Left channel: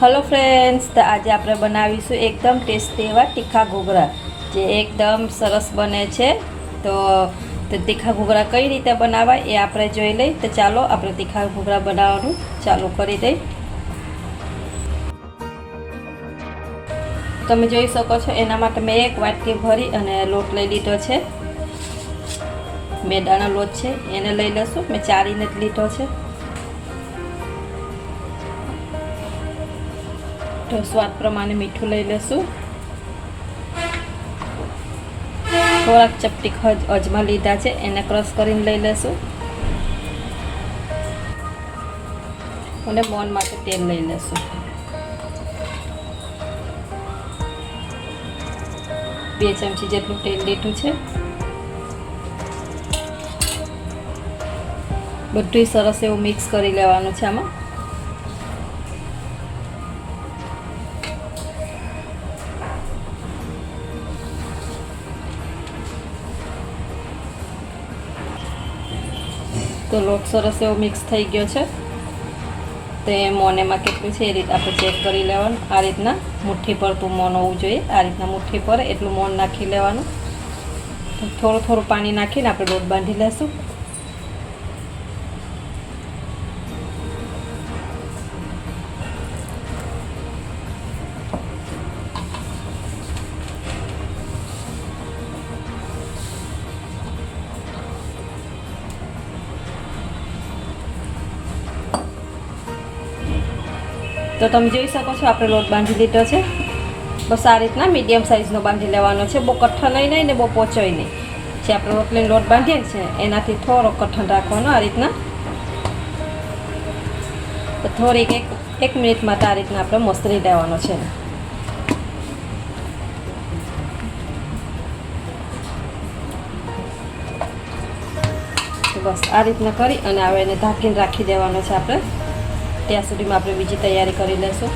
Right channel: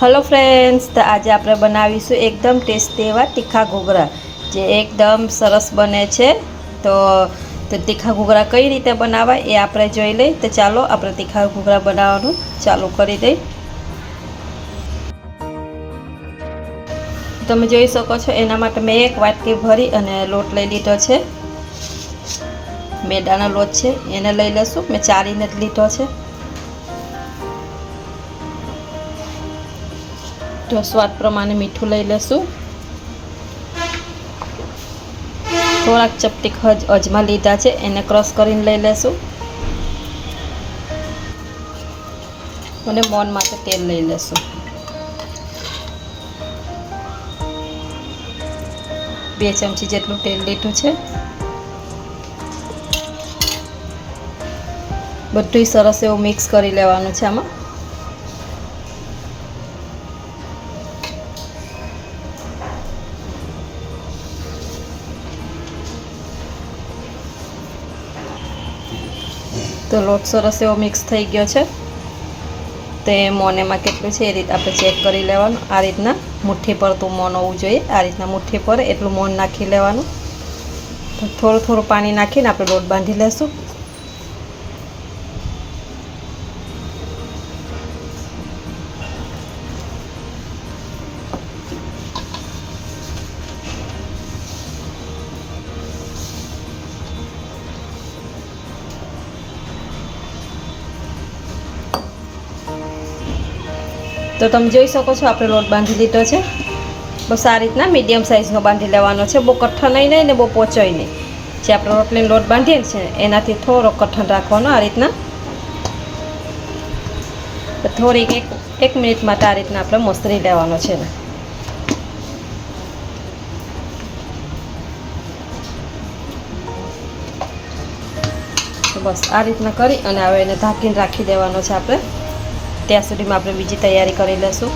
Hello friends તો આજે આપણે બનાવીશું એકદમ ટેસ્ટી એવા તીખા ઘૂઘરા, જે એકદમ સરસ બને છે. તો તીખા ઘૂઘરા કઈ રીતે બનાવાય એ આપણે જોઈ લઈ તો ચાલો આપણે તીખા ઘૂઘરા બનાવવાનું ચાલુ કરી દઈ તમે જોઈ શકો છો, એના માટે મેં એક વાટકી ભરી અને લોટ લઈ લીધો છે. મેદાનો લોટ છે, એને લઈ લઈશું. મેં ચારીને જ લીધો છે. તો સ્વાદ પ્રમાણે મીઠું લઈ લેશું. થોડાક ચપટી ખજ અજમા લીધા છે, એને ક્રશ કરીને લઈ લેશું. અને મોન માટે તેલ લઈ લેશું. બે ચમચી જેટલું તેલ લીધું છે. બધું સરસ એવું મિક્સ કરી લેવાનું છે આમાં. તો લોટ સરસ એવો મિક્સ થઈ ગયો છે. તે મોનેમાં કેટલું છે એ રીતે આપણે ચેક કરી લેવાનું. આ રીતના મુઠ્ઠી પરતું મોન હોવું જોઈએ. આ રીતના મુઠ્ઠી પર એટલું મોન નાખી લેવાનું. થોડું થોડું પાણી નાખીને આપણે લોટ બાંધી લેશું. તો તમે જોઈ શકો છો, આપણે લોટ બાંધી લીધો છે. બસ આ રીતના મીડિયમ સાઇઝનો બાંધી લેવાનો છે. બહુ કઠણ નહીં ને બહુ પોચોય નહીં. જે આપણે રોટલીનો લોટ બાંધીએ છીએ, એનાથી થોડો કઠણ રાખવાનો આ રીતના. થોડીક એક એક માટે આ રીતના આપણે મસરી લેવાનો છે. બસ આ રીતના કરી અને હવે એને ઢાંકીને રાખી દેવાનો છે આપણે. ત્યાં સુધીમાં આપણે બીજી તૈયારી કરી લઈશું.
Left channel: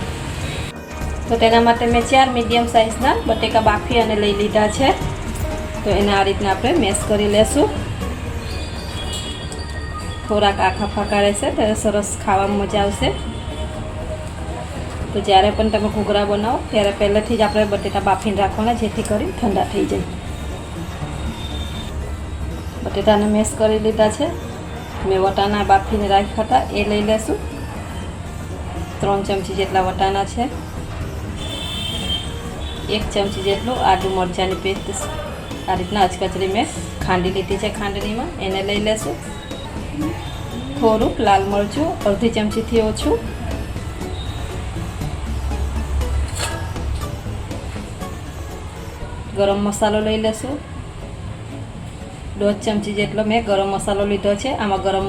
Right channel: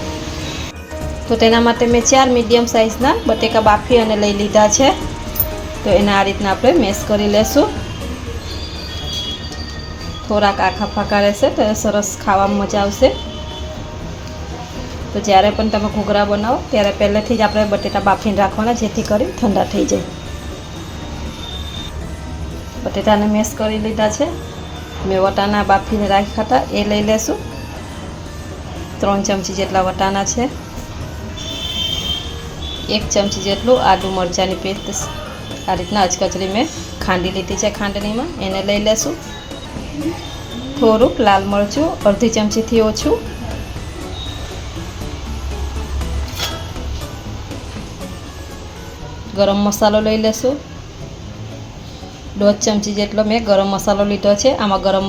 તો તેના માટે મેં ચાર મીડિયમ સાઇઝના બટેકા બાફી અને લઈ લીધા છે. તો એને આ રીતના આપણે મેશ કરી લેશું. થોડાક આખા ફાકા રહેશે તો સરસ ખાવામાં મજા આવશે. તો જ્યારે પણ તમે ઘૂઘરા બનાવો, ત્યારે પહેલેથી જ આપણે બટેટા બાફીને રાખવાના, જેથી કરી ઠંડા થઈ જાય. બટેટાને મેશ કરી લીધા છે. મેં વટાણા બાફીને રાખ્યા હતા, એ લઈ લેશું. ત્રણ ચમચી જેટલા વટાણા છે. એક ચમચી જેટલું આદુ મરચાંની પેસ્ટ. આ રીતના અચકચરી મેં ખાંડી લીધી છે ખાંડણીમાં. એને લઈ લેશું. થોડુંક લાલ મરચું, અડધી ચમચીથી ઓછું. ગરમ મસાલો લઈ લેશું. દોઢ ચમચી જેટલો મેં ગરમ મસાલો લીધો છે. આમાં ગરમ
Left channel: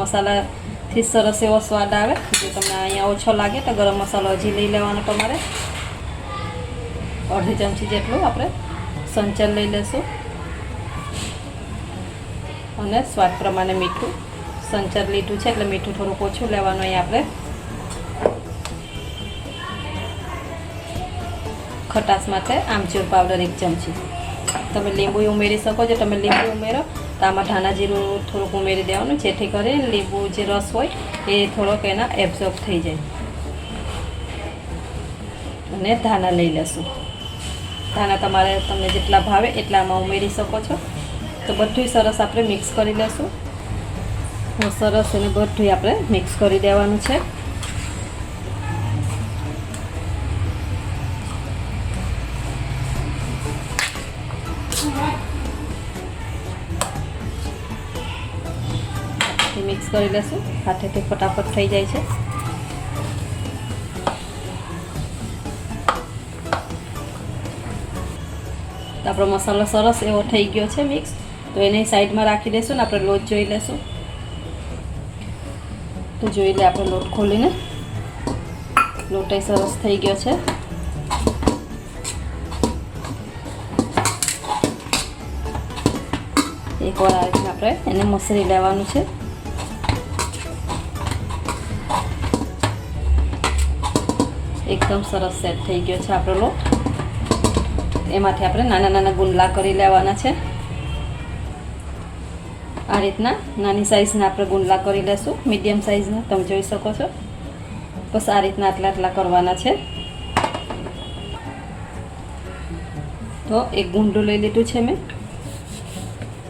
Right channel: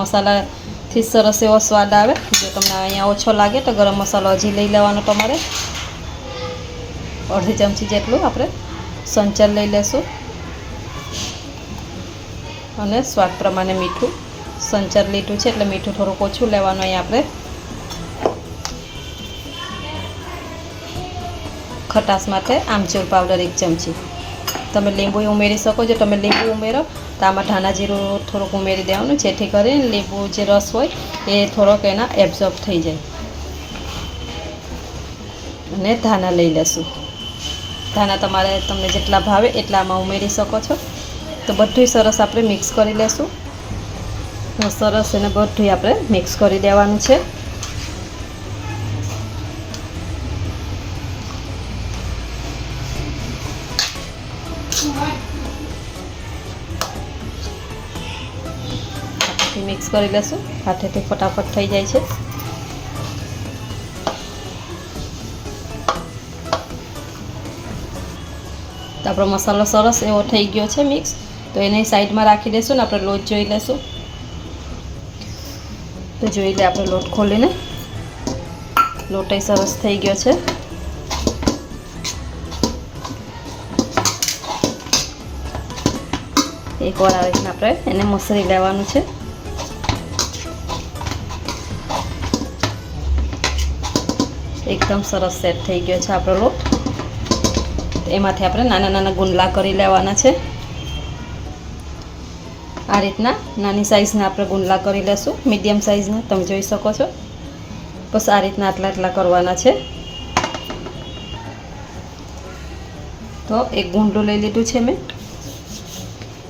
મસાલાથી સરસ એવો સ્વાદ આવે. જો તમને અહીંયા ઓછો લાગે તો ગરમ મસાલો હજી લઈ લેવાનો તમારે. અડધી ચમચી જેટલું આપણે સંચર લઈ લેશું. અને સ્વાદ પ્રમાણે મીઠું. સંચર લીધું છે એટલે મીઠું થોડુંક ઓછું લેવાનું અહીં આપણે. ખટાશ માટે આમચૂર પાવડર એક ચમચી. તમે લીંબુ ઉમેરી શકો છો. તમે લીંબુ ઉમેરો. તો આમાં જીરું થોડુંક ઉમેરી દેવાનું, જેથી કરીને લીંબુ જે રસ હોય એ થોડોક એના એબ્ઝોર્બ થઈ જાય. અને ધાણા લઈ લેશું. ધાણા તમારે તમને જેટલા ભાવે એટલા આમાં ઉમેરી શકો છો. તો બધું સરસ આપણે મિક્સ કરી લેશું. સરસ એને બધું આપણે મિક્સ કરી દેવાનું છે. કરી લેશું. હાથેથી ફટાફટ થઈ જાય છે. તો આપણો મસાલો સરસ એવો થઈ ગયો છે મિક્સ. તો એને સાઈડમાં રાખી દઈશું ને આપણે લોટ જોઈ લેશું. તો જોઈ લે આપણે લોટ ખોલીને. લોટ સરસ થઈ ગયો છે. એકવાર આ રીતના આપણે એને મસરી લેવાનું છે. એકદમ સરસ સેટ થઈ ગયો છે આપણો લોટ. એમાંથી આપણે નાના નાના ગુંડલા કરી લેવાના છે. આ રીતના નાની સાઇઝના આપણે ગુંદલા કરી લેશું. મીડિયમ સાઇઝના તમે જોઈ શકો છો. બસ આ રીતના આટલા આટલા કરવાના છે. તો એક ગુંડું લઈ લીધું છે મેં.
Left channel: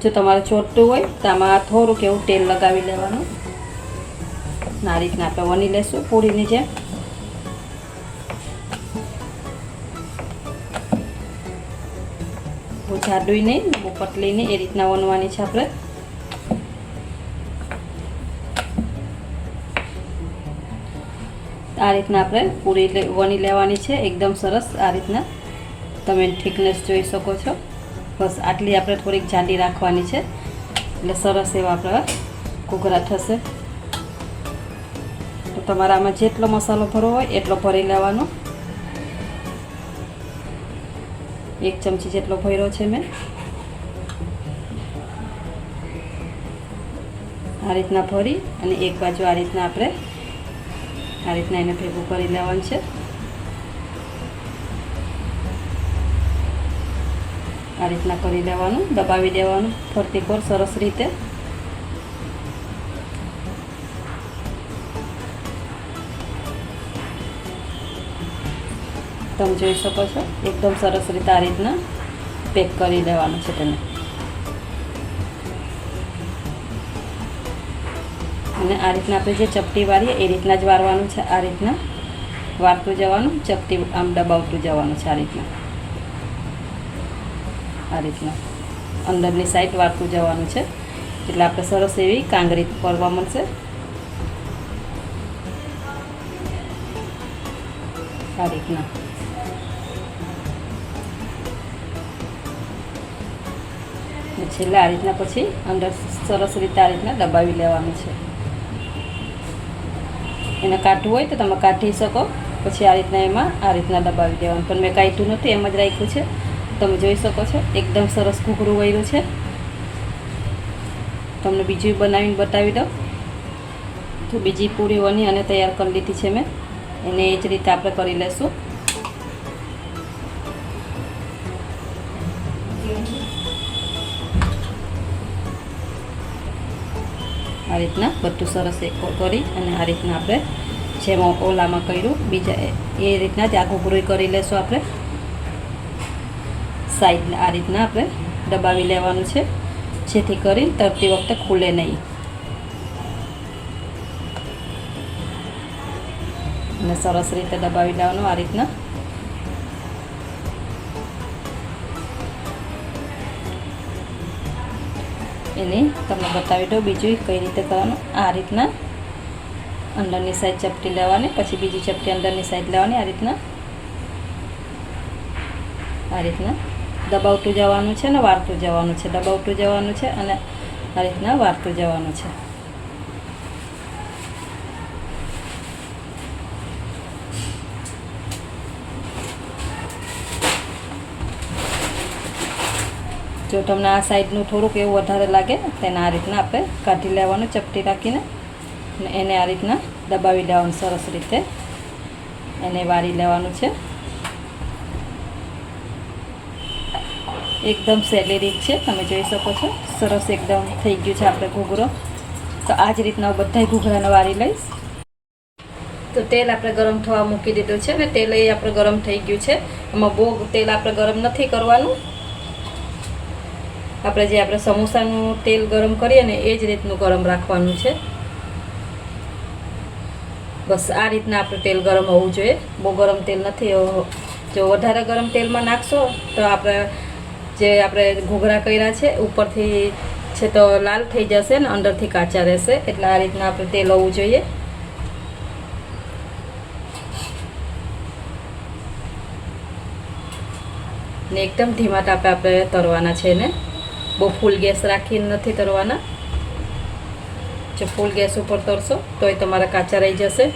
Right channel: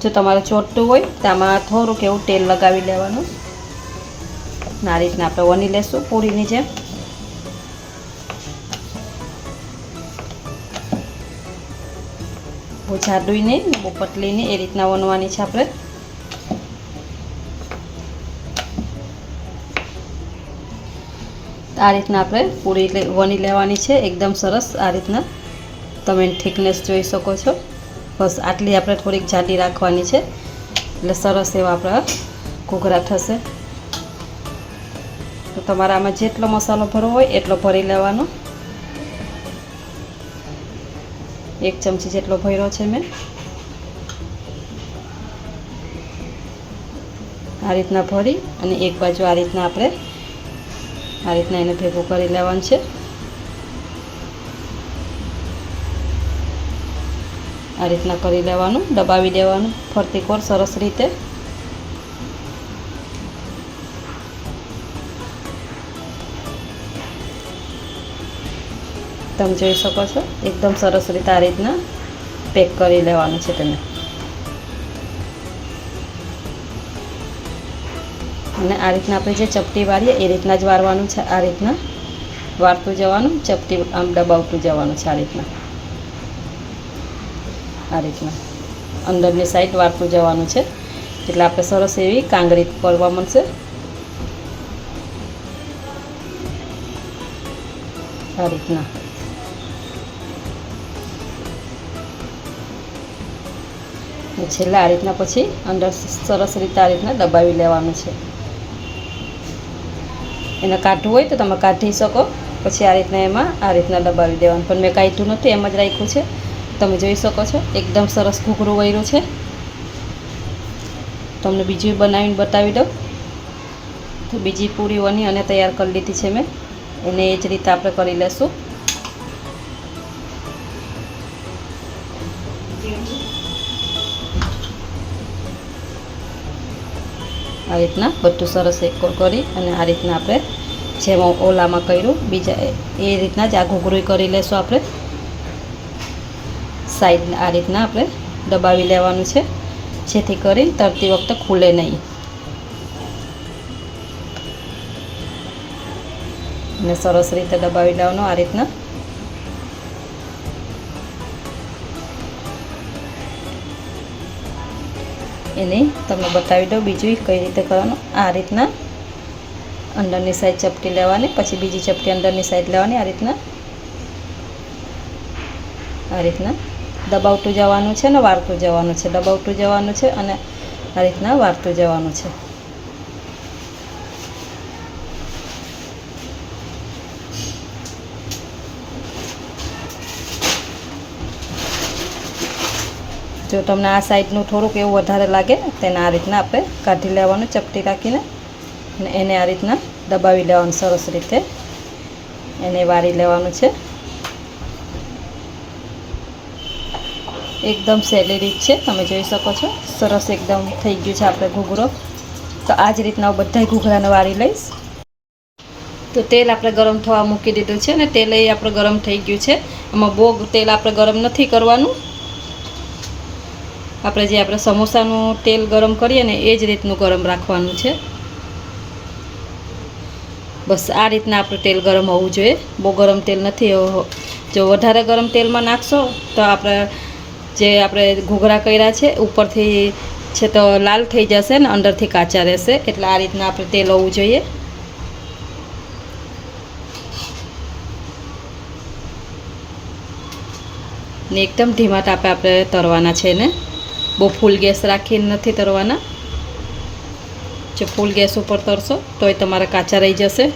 જો તમારે ચોટતું હોય, તો આમાં થોડુંક એવું તેલ લગાવી લેવાનું. આ રીતના આપણે વણી લેશું, પૂરીની જેમ. બહુ જાડું નહીં બહુ નહીં, એ રીતના વણવાની છે આપણે. આ રીતના આપણે પૂરી વણી લેવાની છે, એકદમ સરસ આ રીતના. તમે થિકનેસ જોઈ શકો છો. બસ આટલી આપણે થોડીક જાડી રાખવાની છે. એટલે સરસ એવા આપણા ઘૂઘરા થશે. તો તમારે આમાં જેટલો મસાલો ભરવો હોય એટલો ભરી લેવાનો. એક ચમચી જેટલો ભર્યો છે મેં. આ રીતના ભરી અને એક બાજુ આ રીતના આપણે આ રીતના એને ભેગું કરી લેવાનું છે. આ રીતના કરી લેવાનું, દબાવી દેવાનું, ફરતી કોર સરસ રીતે. તમે જોઈ શકો છો. એકદમ સરસ રીતે આ રીતના પેક કરી લેવાનું છે તેને. અને આ રીતના આપણે જે ચપટી વાળીએ, એ રીતના જ વારવાનું છે આ રીતના. વારતું જવાનું, ચપટી આમ દબાવતું જવાનું છે આ રીતના. આ રીતના. અંદરની સાઈડ વારતું જવાનું છે. એટલે આપણે સરસ એવી કાંગરી કરવા મળશે. આ રીતના. અને છેલ્લા આ રીતના પછી અંદર સરસ રીતે આ રીતના દબાવી લેવાનું છે. એને કાઢવું હોય તો તમે કાઢી શકો. પછી આ રીતના એમાં આ રીતના દબાવી દેવાનું. પણ મેં કાઢ્યું નથી, એમ જ રાખ્યું છે. તમે જોઈ શકો છો, એકદમ સરસ ઘૂઘરું વૈરું છે. તમને બીજું બનાવીને બતાવી દઉં. તો બીજી પૂરી વની અને તૈયાર કરી લીધી છે મેં. એને એ જ રીતે આપણે કરી લેશું. આ રીતના બધું સરસ એક કરી અને આ રીતના આપણે જેમ ઓલામાં કર્યું, બીજા એ રીતના જ આ ઘૂઘરું કરી લેશું આપણે. સાઈડ આ રીતના આપણે દબાવી લેવાનું છે, જેથી કરી તરતી વખતે ખુલે નહીં. અને સરસ રીતે દબાવી લેવાનું આ રીતના. એને તમને બતાવી દઉં બીજું કઈ રીતે કરવાનું. આ રીતના અંદરની સાઈડ ચપટી લેવાની, પછી બીજી ચપટી અંદરની સાઈડ લેવાની, આ રીતના. આ રીતના દબાવતું જવાનું છે ને વાળતું જવાનું છે. દબાવતું જવાનું છે અને આ રીતના વાળતું જવાનું છે. જો તમને આ સાઈડનું થોડુંક એવું વધારે લાગે, તેને આ રીતના આપણે કાઢી લેવાનું, ચપટી રાખીને, અને એને આ રીતના દબાવી લેવાનું સરસ રીતે. એને વાળી લેવાનું છે. એકદમ સહેલી રીત છે, તમે જોઈ શકો છો. સરસ એકદમ થઈ ગયું છે આપણે ઘૂઘરો. તો આ જ રીતના હું બધા ઘૂઘરાને વાળી લઈશ. તો તેલ આપણે ગરમ થવા મૂકી દીધું છે ને તેલ એ આપણે ગરમ થઈ ગયું છે. એમાં બહુ તેલ આપણે ગરમ નથી કરવાનું. આપણે જે આપણે સમોસાનું તેલ ગરમ કરીએ ને એ જ રીતનું ગરમ રાખવાનું છે. બસ આ રીતના આપણું તેલ ગરમ હોવું જોઈએ. બહુ ગરમ તેલ નથી જો વધારે ગરમ તેલમાં નાખશો, તો આપણે જે આપણે ઘૂઘરા કર્યા છે, ઉપરથી છે તો લાલ થઈ જશે ને અંદરથી કાચા રહેશે, એટલે આ રીતના આપણે તેલ હોવું જોઈએ. ને એકદમ ધીમા તાપે આપણે તરવાના છે ને બહુ ફૂલ ગેસ રાખીને નથી તરવાના. જો ફૂલ ગેસ ઉપર તરશો, તોય તમારા કાચા રહી જશે.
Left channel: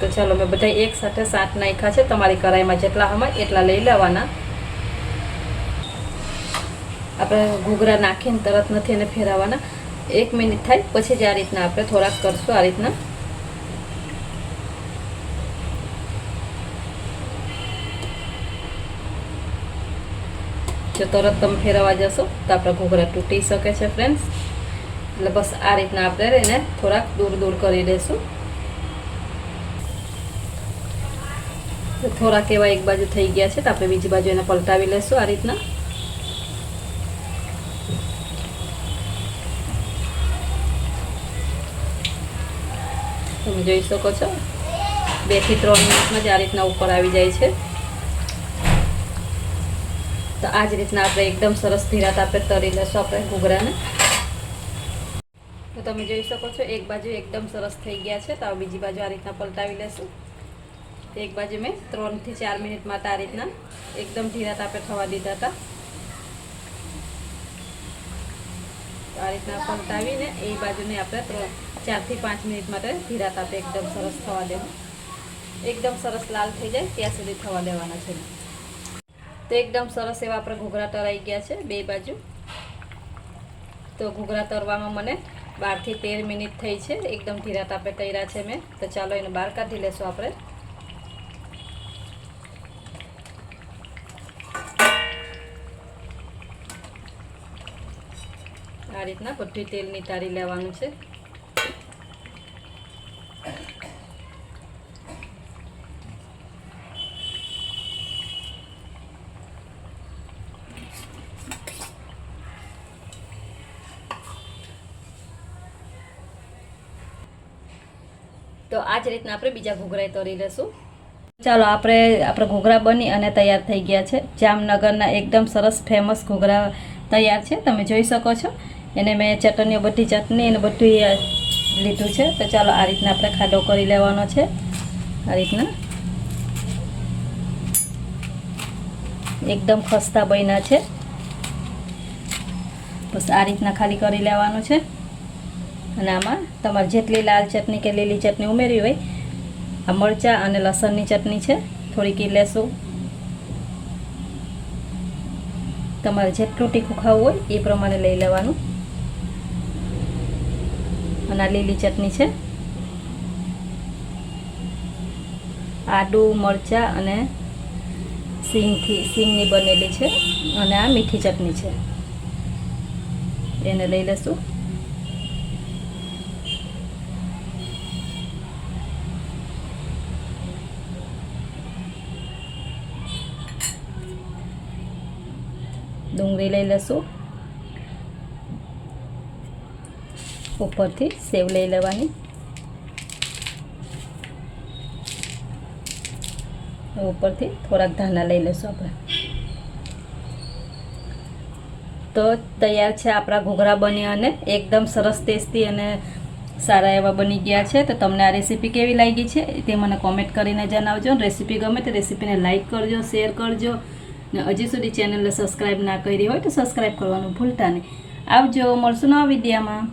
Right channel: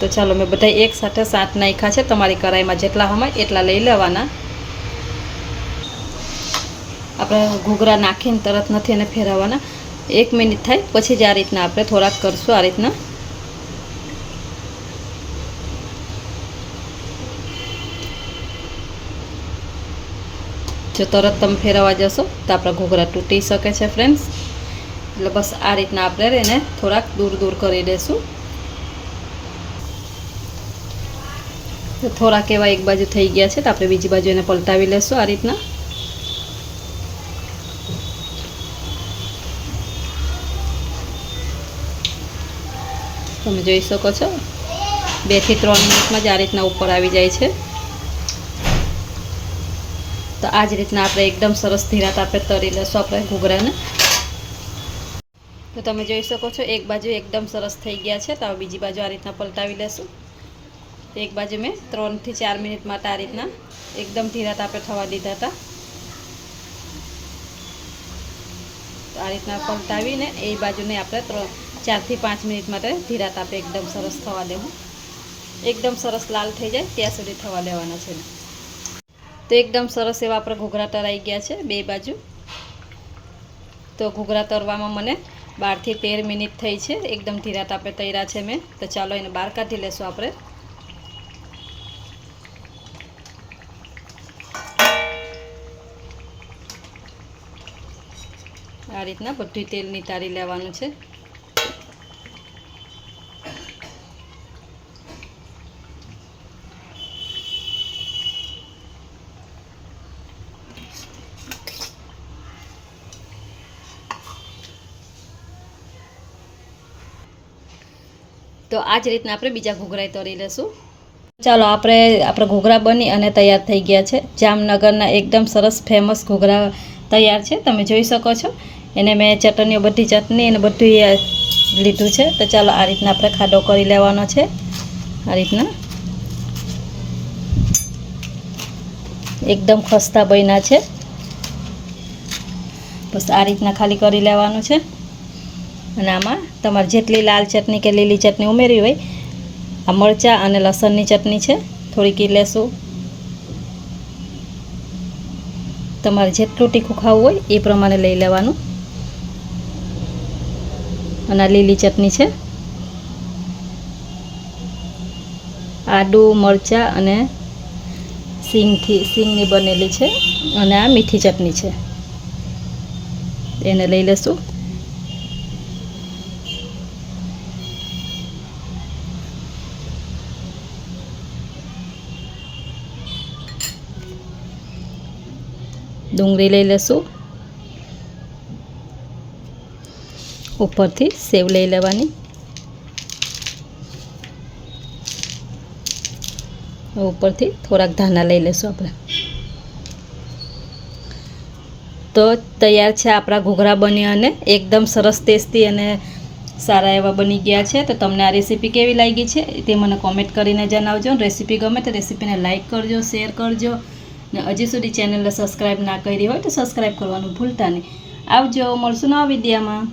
તો ચાલો, મેં બધા એક સાથે સાત નાખ્યા છે. તમારી કઢાઈમાં જેટલા હોય એટલા લઈ લેવાના. આપણે ઘૂઘરા નાખીને તરત નથી એને ફેરવવાના. એક મિનિટ થાય, પછી જ આ રીતના આપણે થોડાક કરશું, આ રીતના. જો તરત તમે ફેરવવા જશો, તો આપણા ઘોઘરા તૂટી શકે છે ફ્રેન્ડ્સ એટલે બસ આ રીતના આપણે એને થોડાક દૂર દૂર કરી દઈશું થોડાક એવા એક બાજુ થઈ ગયા છે, તો આપણે બીજી બાજુ એને પલટાવી લેશું આ રીતના. તમે જોઈ શકો છો, બેથી ત્રણ મિનિટમાં જ આ રીતના ઉપર આવી જાય છે. તો આ જ રીતના આપણે એકદમ સરસ ધીરાત આપણે તરી લઈશું આપણે ઘૂઘરાને. તો તમે જોઈ શકો છો, એક બાજુ એકદમ સરસ થઈ ગયા છે, તો બીજી બાજુ આ રીતના પલટાવી લેશું. એક બાજુ મેં ત્રણથી ચાર મિનિટ માટે આ રીતના એકદમ ધીરા આપણે થવા દીધા હતા. આ રીતના પલટાવીને એ બાજુને આપણે ચારથી પાંચ મિનિટ માટે ધીરા આપણે એકદમ સરસ થવા દેવું. એકદમ સરસ લાલ થઈ જાય, ત્યાં સુધી થવા લેવાના છે. તો એકદમ સરસ એવા આપણે ઘૂઘરા તરાઈ ગયા છે બે બાજુ. તો ઘૂઘરા તરવામાં મને બારથી તેર મિનિટ થઈ છે. એકદમ ધીરા તાપે તૈરા છે મેં. તો ચાલો એને બહાર કાઢી લેશું આપણે. આ રીતના બધું તેલ નિતારી લેવાનું છે. તો આ જ રીતના આપણે બીજા ઘૂઘરાએ તળી લઈશું ચાલો, આપણે આપણે ઘૂઘરા બની અને તૈયાર થઈ ગયા છે. જામનગરના એકદમ સરસ ફેમસ ઘૂઘરા તૈયાર છે. તમે જોઈ શકો છો. એને મેં ચટણીઓ બધી ચટણી અને બધું લીધું છે. તો ચાલો, આ રીતના આપણે ખાડો કરી લેવાનો છે. આ રીતના. એકદમ ખસ્તા બન્યા છે. બસ આ રીતના ખાલી કરી લેવાનું છે. અને આમાં તમારે જેટલી લાલ ચટણી કે લીલી ચટણી ઉમેરી હોય, આ મરચાં અને લસણની ચટણી છે, થોડીક લેશું. તમારે જેટલું તીખું ખાવું હોય એ પ્રમાણે લઈ લેવાનું. અને આ લીલી ચટણી છે. આદુ મરચાં અને સિંગથી, સિંગની બનેલી છે અને આ મીઠી ચટણી છે. એને લઈ લેશું. ડુંગળી લઈ લઈશું ઉપરથી સેવ લઈ લેવાની. ઉપરથી થોડાક ધાના લઈ લઈશું આપણે. તો તૈયાર છે આપણા ઘૂઘરા બન્યા અને એકદમ સરસ ટેસ્ટી અને સારા એવા બની ગયા છે. તો તમને આ રેસીપી કેવી લાગી છે તે મને કોમેન્ટ કરીને જણાવજો. રેસીપી ગમે તો રેસીપીને લાઇક કરજો શેર કરજો. ને હજી સુધી ચેનલને સબસ્ક્રાઈબ ના કરી હોય તો સબસ્ક્રાઈબ કરવાનું ભૂલતા નહીં. આવજો, મળશું નવા વિડીયામાં.